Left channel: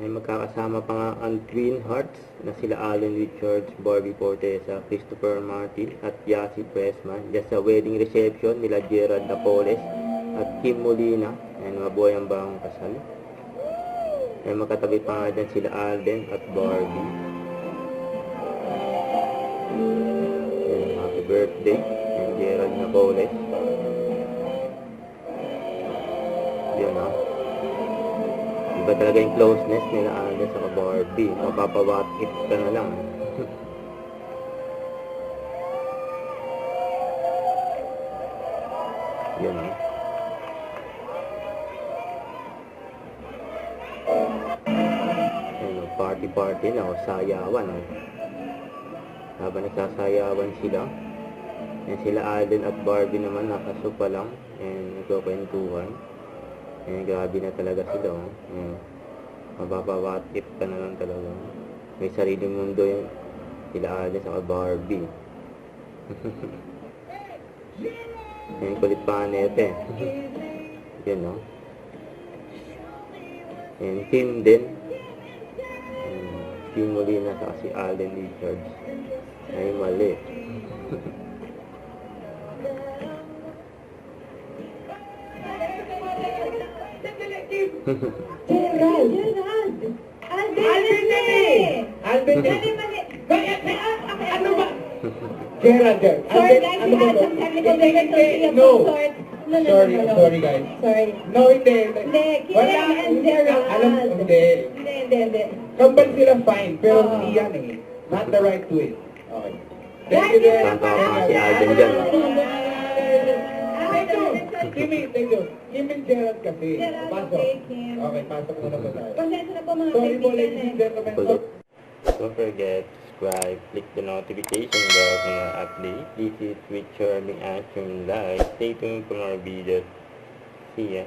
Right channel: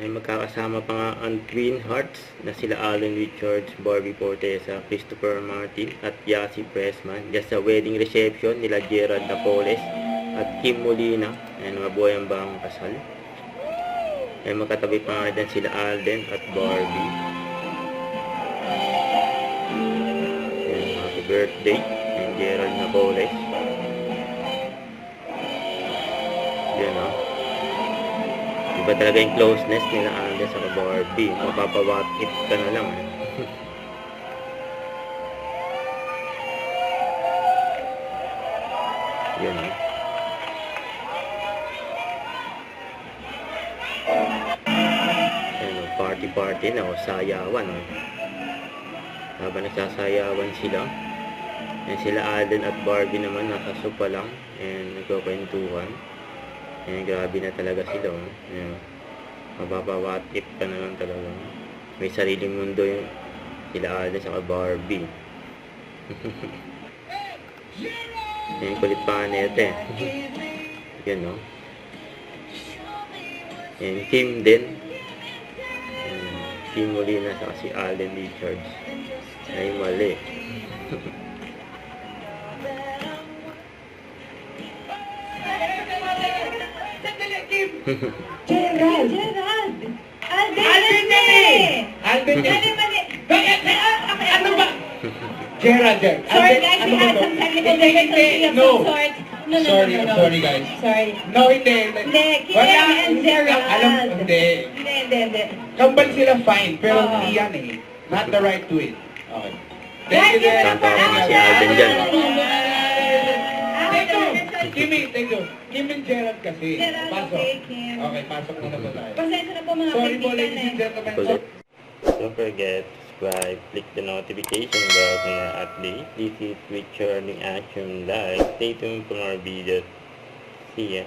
Ay magkakasama pa nga ang Twin Hearts na sila Alden Richards, Barbie Fortesa, Christopher Martin at Yasi Pressman. Just sa wedding reception nila Gerald Napoles at Kim Molina. Ayan, mabuhay ang bang kasal. Ay magkatabi pa nga din sila Alden at Barbie. Ayan, happy birthday ng Gerald Napoles. Ayan o. Iba talaga yung closeness nila Alden sa Barbie. Mapapawakit ka na lang. Yan o. Yan o, party na o, sayawan o. Habang nagsasayawan sila. Yan sila Alden at Barbie naman nakasupa lang. And nagkukwentuhan. Ayan, grabe na talaga sila. Ayan, mapapawatip ka naman talaga. May sariling mundo yung sila Alden sa Barbie. Ayan, kulit pa nga nete. Yan o. Ayan, Kim din. Ayan, Kim Molina sa si Alden Richards. Ay, mali. Gerald! Alden Ano ba? Gerald. Sorry guys, we had some technical difficulty of some sort. No. Sorry guys. Sorry. No, hindi. Hindi, Kim and Gerald. Hindi. Kambal sila fine, pero hindi yan eh. Not the right way. Okay. Thank you, Guys, Tama si Alden dyan. Kimi, thank you. Kim and Gerald kasi. Gerald, Pasok. okay, Kim. Okay, pasok muna po tayo. Pasensya na po mga Sorry po, kaibigan ladies and gentlemen. Kulit. Don't forget to subscribe, click the notification bell for more updates. This is Richard in Action Live. Stay tuned for more videos. See ya.